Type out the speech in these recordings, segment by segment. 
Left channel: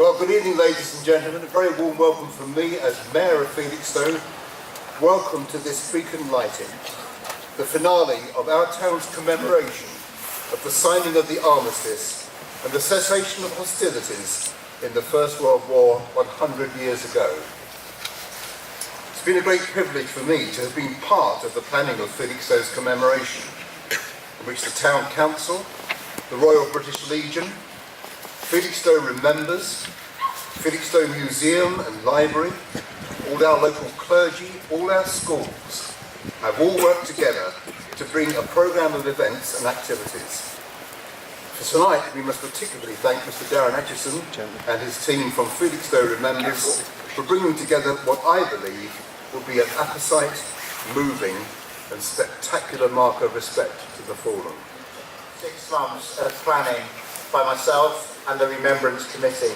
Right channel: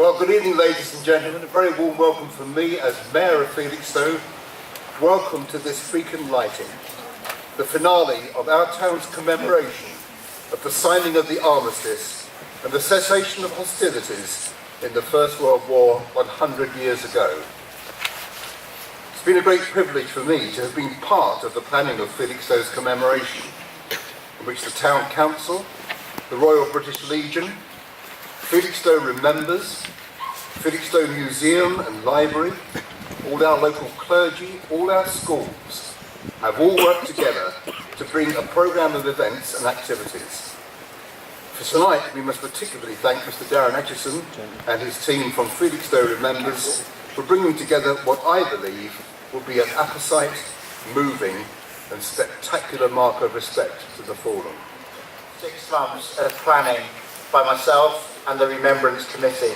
Well, good evening, ladies and gentlemen. A very warm welcome from me as Mayor of Felixstowe. Welcome to this beacon lighting, the finale of our town's commemoration of the signing of the Armistice and the cessation of hostilities in the First World War 100 years ago. It's been a great privilege for me to have been part of the planning of Felixstowe's commemoration, in which the Town Council, the Royal British Legion, Felixstowe Remembers, Felixstowe Museum and Library, all our local clergy, all our schools have all worked together to bring a programme of events and activities. For tonight, we must particularly thank Mr. Darren Atchison and his team from Felixstowe Remembers for bringing together what I believe will be an apposite, moving and spectacular mark of respect to the fallen. 6 months of planning by myself and the Remembrance Committee.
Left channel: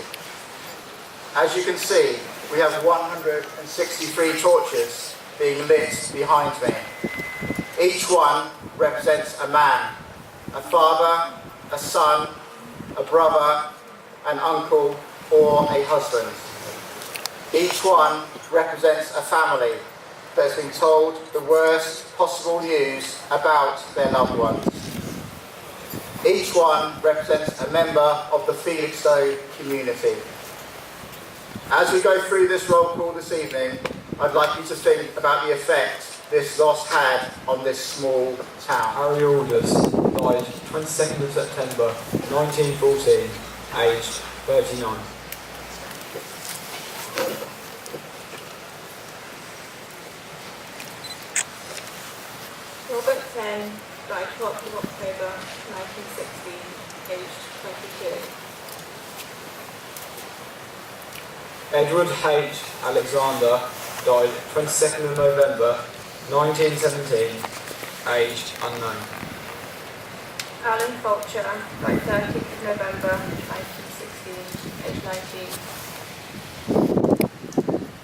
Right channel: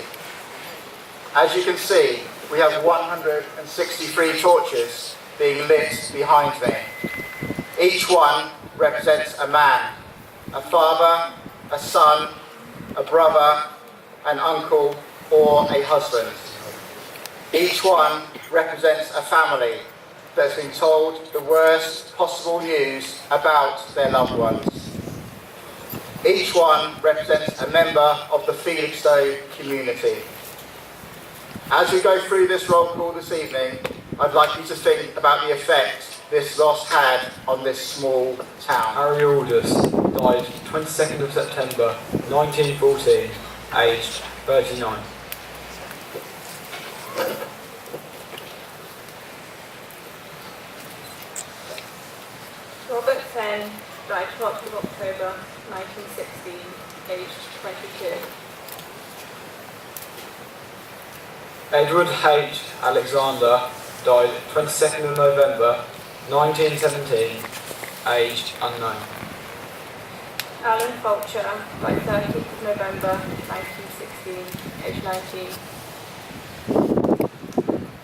As you can see, we have 163 torches being lit behind me. Each one represents a man, a father, a son, a brother, an uncle, or a husband. Each one represents a family that has been told the worst possible news about their loved ones. Each one represents a member of the Felixstowe community. As we go through this roll call this evening, I'd like you to think about the effect this loss had on this small town. Harry Aldous died 22nd of September 1914, aged 39. Robert Fenn died 12th of October 1916, aged 22. Edward H. Alexander died 22nd of November 1917, aged unknown. Alan Fulcher died 13th of November 1916, aged 19.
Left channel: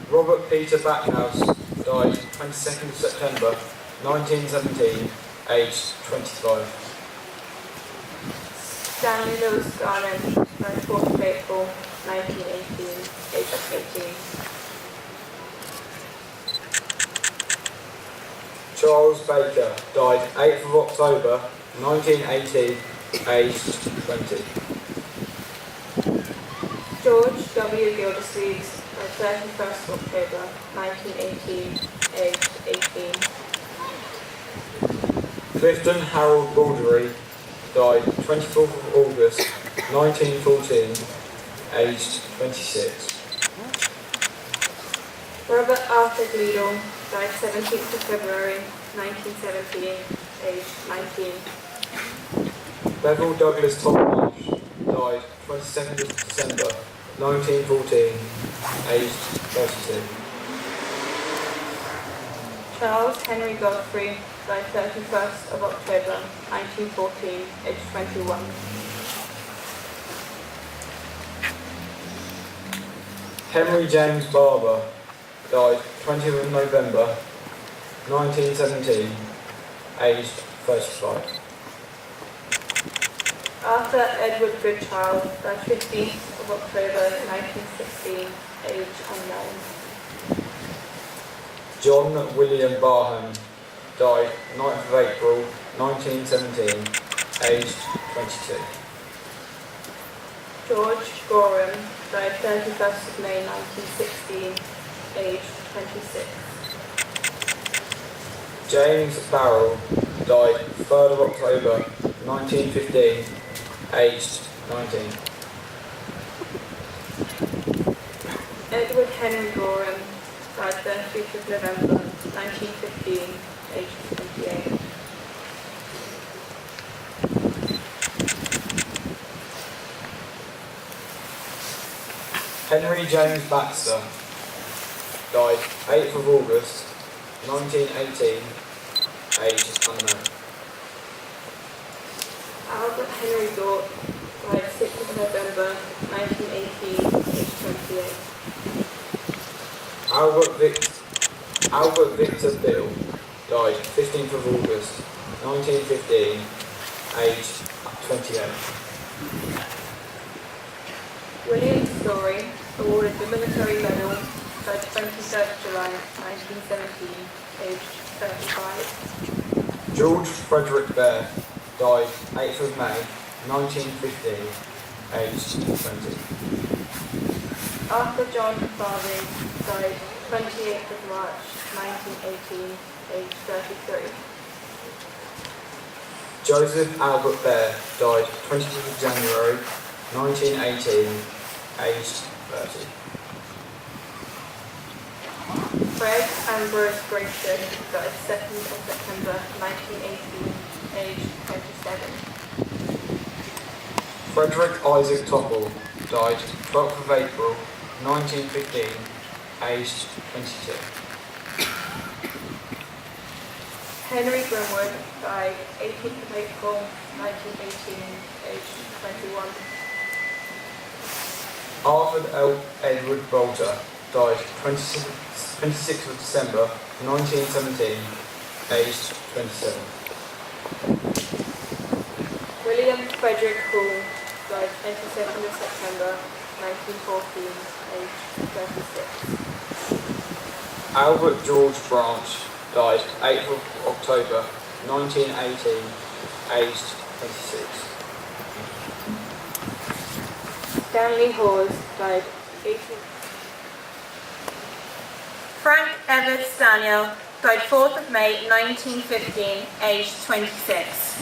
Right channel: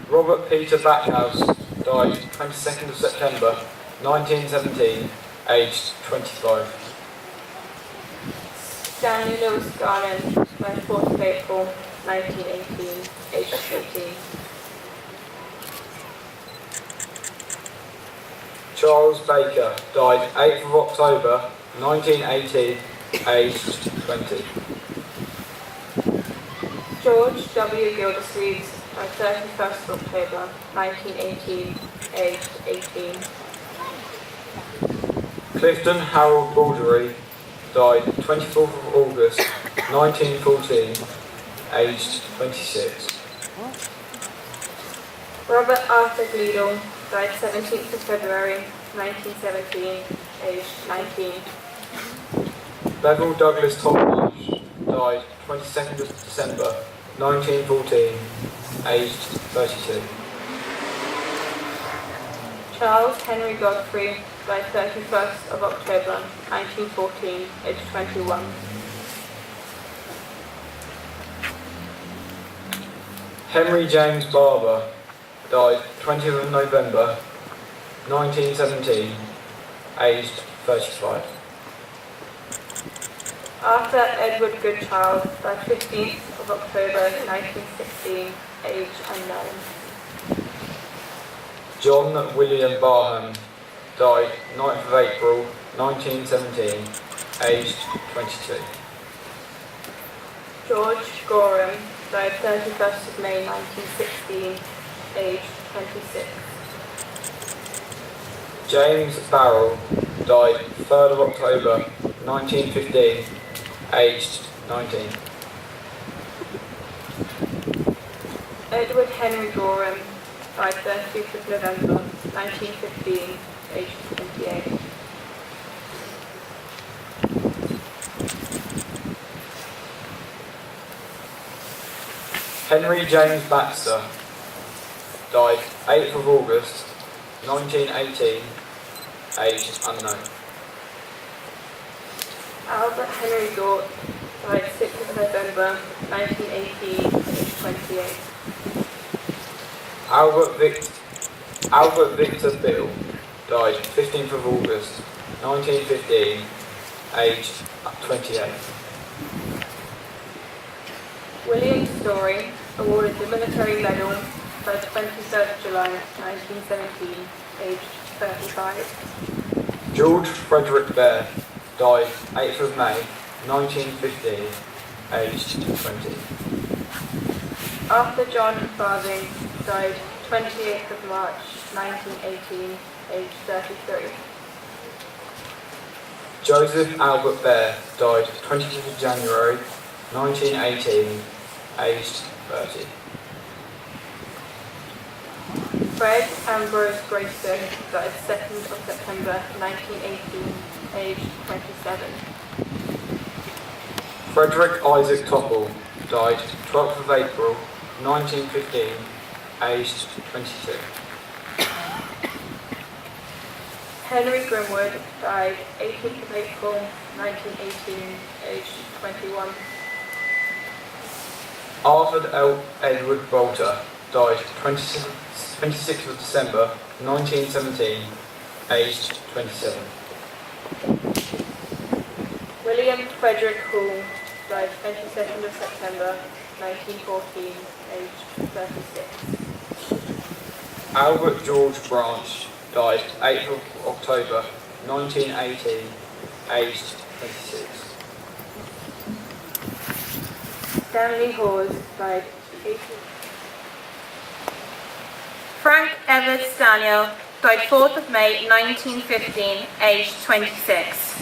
Robert Peter Backhouse died 22nd of September 1917, aged 25. Stanley Lewis Garland died 4th of April 1918, aged 18. Charles Baker died 8th of October 1918, aged 20. George W. Gildersleeve died 31st of October 1918, aged 18. Clifton Harold Baldery died 24th of August 1914, aged 26. Robert Arthur Gleadle died 17th of February 1917, aged 19. Bevel Douglas Tolmarsh died 22nd of December 1914, aged 32. Charles Henry Godfrey died 31st of October 1914, aged 21. Henry James Barber died 20th of November 1917, aged 35. Arthur Edward Goodchild died 15th of October 1916, aged unknown. John William Barham died 9th of April 1917, aged 22. George Gorham died 31st of May 1916, aged 26. James Barrell died 3rd of October 1915, aged 19. Edward Henry Gorham died 30th of November 1915, aged 28. Henry James Baxter died 8th of August 1918, aged unknown. Albert Henry Dort died 6th of November 1918, aged 28. Albert Victor Bill died 15th of August 1915, aged 28. William Story, awarded the Military Medal by 23rd July 1917, aged 35. George Frederick Bear, died 8th of May 1915, aged 20. Arthur John Farthing, died 28th of March 1918, aged 33. Joseph Albert Bear, died 25th of January 1918, aged 30. Fred Ambrose Grayson, died 2nd of September 1918, aged 27. Frederick Isaac Topple, died 12th of April 1915, aged 22. Henry Grimwood, died 18th of April 1918, aged 21. Arthur L. Edward Bolter, died 26th of December 1917, aged 27. William Frederick Hall, died 22nd of September 1914, aged 36. Albert George Branch, died 8th of October 1918, aged 26. Stanley Hawes, died 18th. Frank Everett Daniel, died 4th of May 1915, aged 26.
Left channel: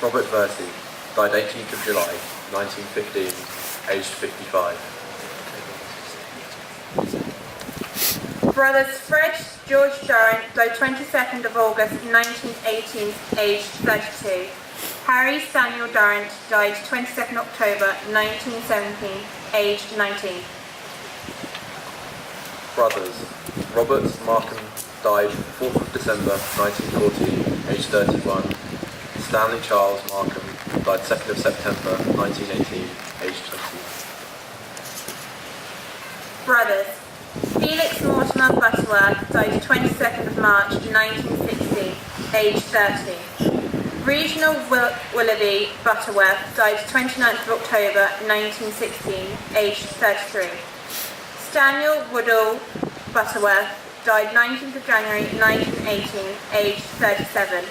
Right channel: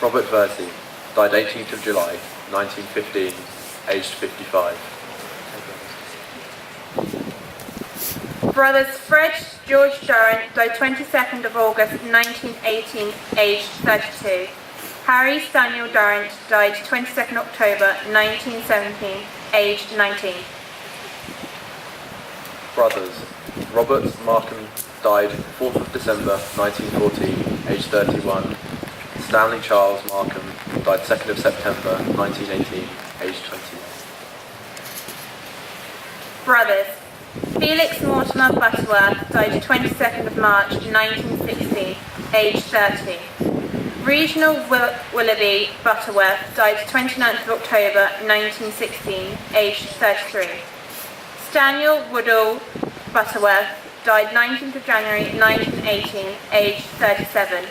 Robert Versey, died 18th of July 1915, aged 55. Brothers Fred George Durrant, died 22nd of August 1918, aged 32. Harry Samuel Durrant, died 22nd October 1917, aged 19. Brothers Robert Markham, died 4th of December 1914, aged 31. Stanley Charles Markham, died 2nd of September 1918, aged 20. Brothers Felix Mortimer Butterworth, died 22nd of March 1916, aged 30. Regional Willoughby Butterworth, died 29th of October 1916, aged 33. Samuel Woodall Butterworth, died 19th of January 1918, aged 37.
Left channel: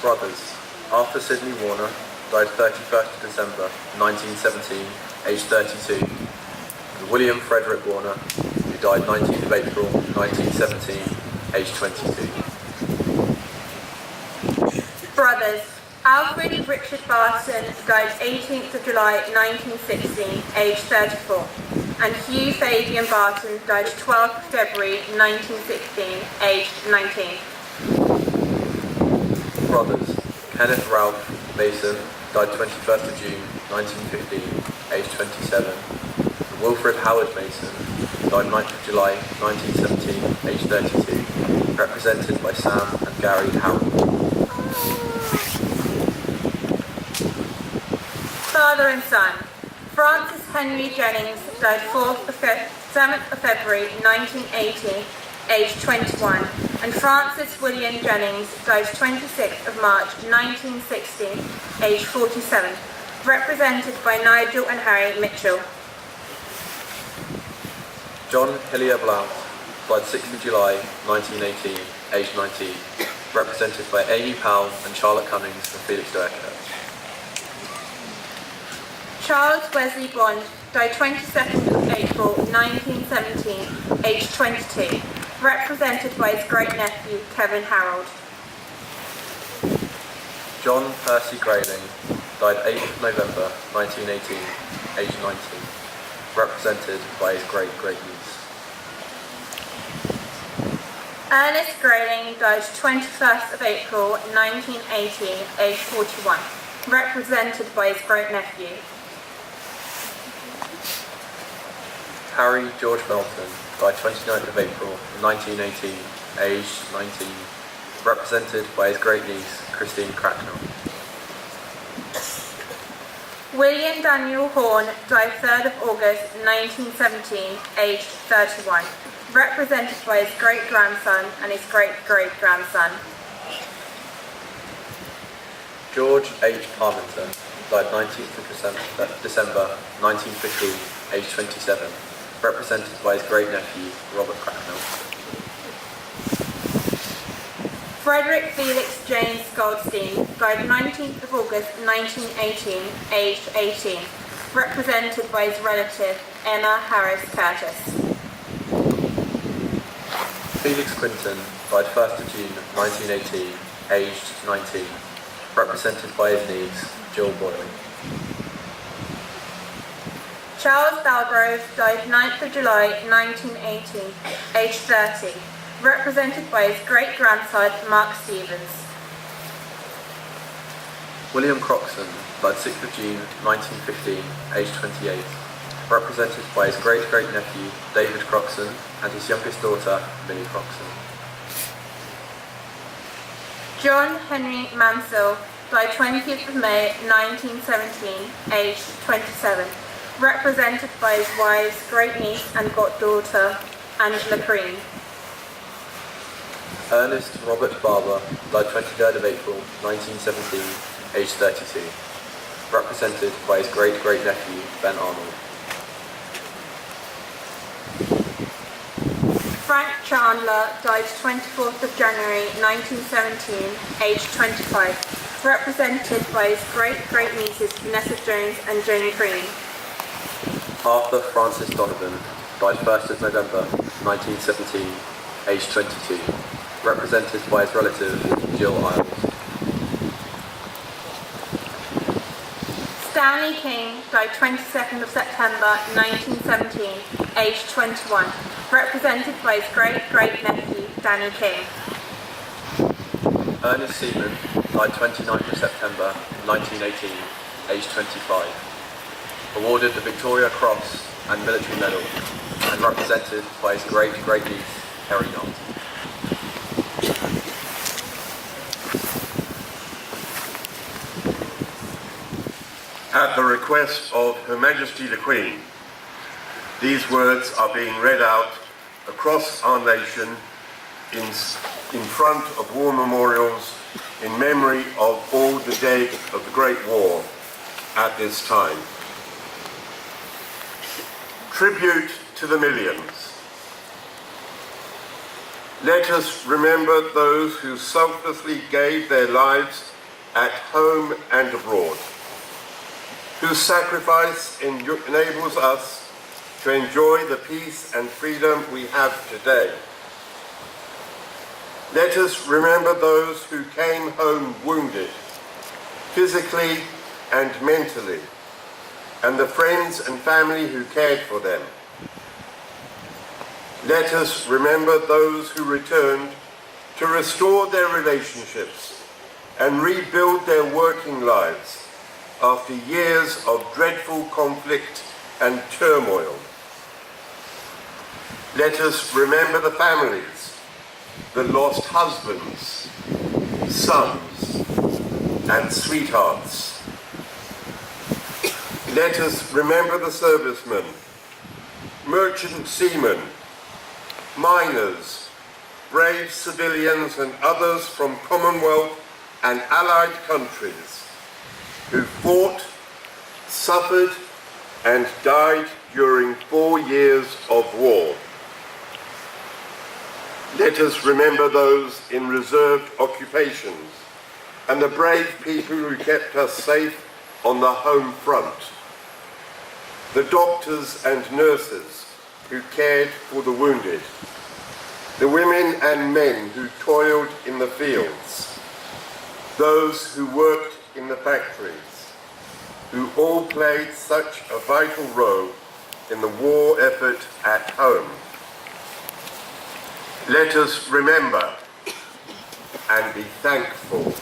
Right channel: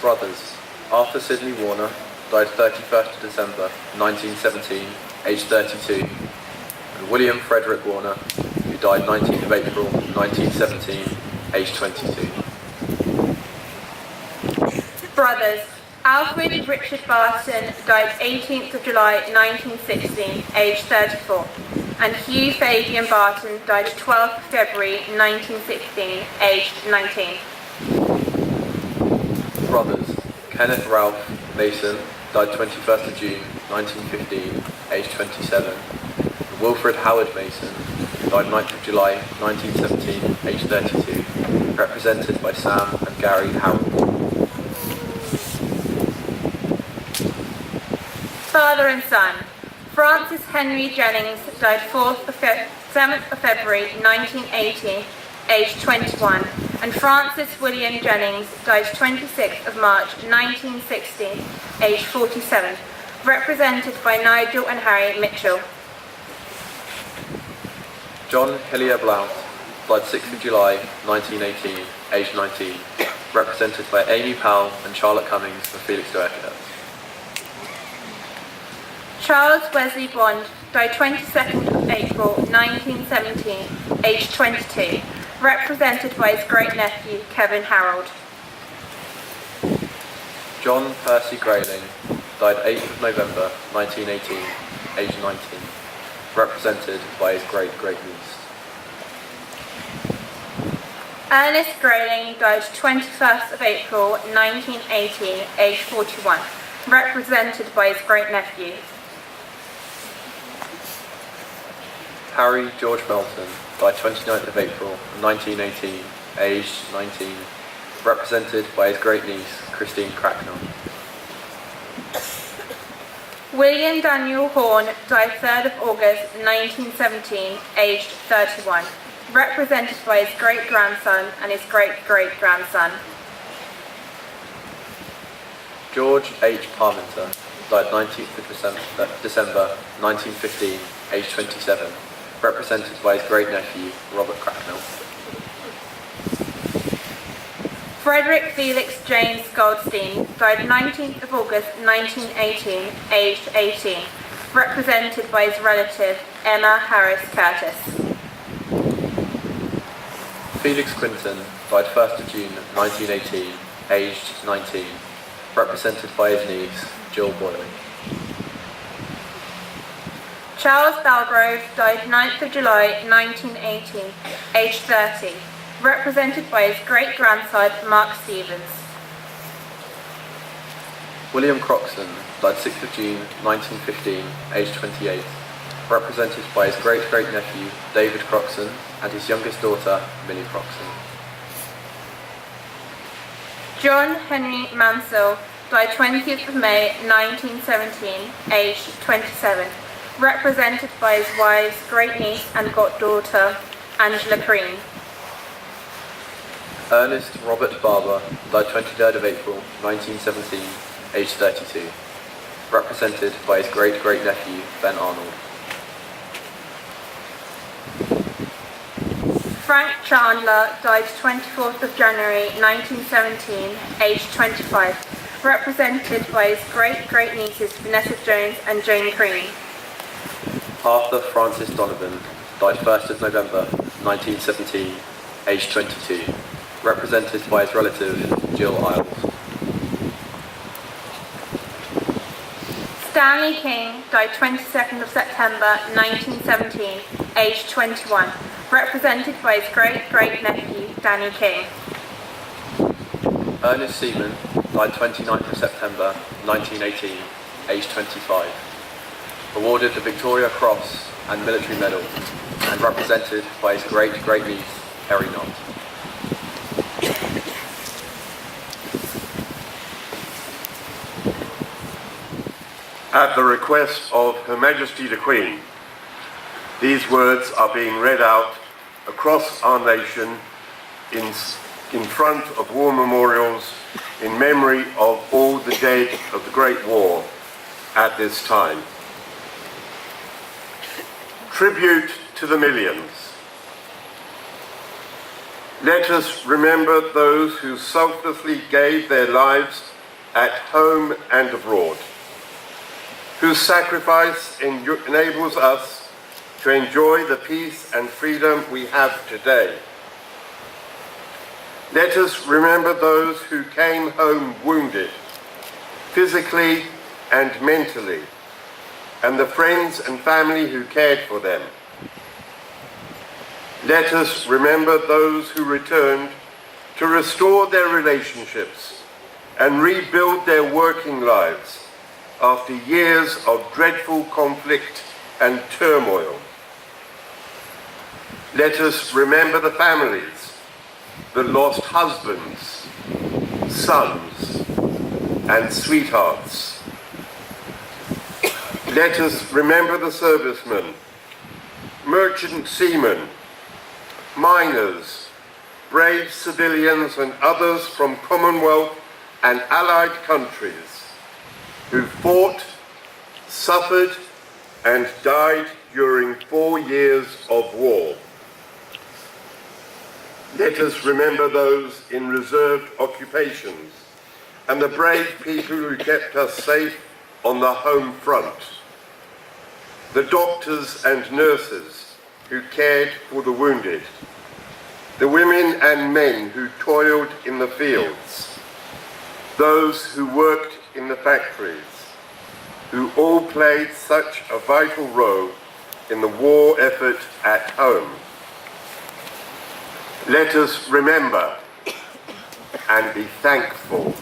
Brothers Arthur Sidney Warner, died 31st of December 1917, aged 32. And William Frederick Warner, who died 19th of April 1917, aged 22. Brothers Alfred Richard Barton, died 18th of July 1916, aged 34. And Hugh Fabian Barton, died 12th of February 1916, aged 19. Brothers Kenneth Ralph Mason, died 21st of June 1915, aged 27. And Wilfred Howard Mason, died 9th of July 1917, aged 32, represented by Sam and Gary Howard. Father and son. Francis Henry Jennings, died 7th of February 1918, aged 21. And Francis William Jennings, died 26th of March 1960, aged 47, represented by Nigel and Harry Mitchell. John Hillier Blount, died 6th of July 1918, aged 19, represented by Amy Powell and Charlotte Cummings and Felix Doerker. Charles Wesley Bond, died 22nd of April 1917, aged 22, represented by his great-nephew Kevin Harold. John Percy Grayling, died 8th of November 1918, aged 19, represented by his great-great-niece. Ernest Grayling, died 21st of April 1918, aged 41, represented by his great-nephew. Harry George Melton, died 29th of April 1918, aged 19, represented by his great-niece Christine Cracknell. William Daniel Horn, died 3rd of August 1917, aged 31, represented by his great-grandson and his great-great-grandson. George H. Parminter, died 19th of December 1915, aged 27, represented by his great-nephew, Robert Cracknell. Frederick Felix James Goldstein died 19th of August 1918, aged 18, represented by his relative, Emma Harris Curtis. Felix Quinton died 1st of June 1918, aged 19, represented by his niece, Jill Boyle. Charles Dalgrove died 9th of July 1918, aged 30, represented by his great-grandson, Mark Stevens. William Croxton died 6th of June 1915, aged 28, represented by his great-great-nephew, David Croxton, and his youngest daughter, Minnie Croxton. John Henry Mansell died 20th of May 1917, aged 27, represented by his wife's great-niece and goddaughter, Angela Green. Ernest Robert Barber died 23rd of April 1917, aged 32, represented by his great-great-nephew, Ben Arnold. Frank Chandler died 24th of January 1917, aged 25, represented by his great-great-nieces Vanessa Jones and Jane Green. Arthur Francis Donovan died 1st of November 1917, aged 22, represented by his relative Jill Isles. Stanley King died 22nd of September 1917, aged 21, represented by his great-great-nephew Danny King. Ernest Seaman died 29th of September 1918, aged 25, awarded the Victoria Cross and Military Medal, and represented by his great-great-niece Terry Knott. At the request of Her Majesty the Queen, these words are being read out across our nation in front of war memorials in memory of all the dead of the Great War at this time. Tribute to the millions. Let us remember those who selflessly gave their lives at home and abroad, whose sacrifice enables us to enjoy the peace and freedom we have today. Let us remember those who came home wounded, physically and mentally, and the friends and family who cared for them. Let us remember those who returned to restore their relationships and rebuild their working lives after years of dreadful conflict and turmoil. Let us remember the families that lost husbands, sons, and sweethearts. Let us remember the servicemen, merchant seamen, miners, brave civilians and others from Commonwealth and Allied countries who fought, suffered and died during 4 years of war. Let us remember those in reserved occupations and the brave people who kept us safe on the home front, the doctors and nurses who cared for the wounded, the women and men who toiled in the fields, those who worked in the factories, who all played such a vital role in the war effort at home. Let us remember and be thankful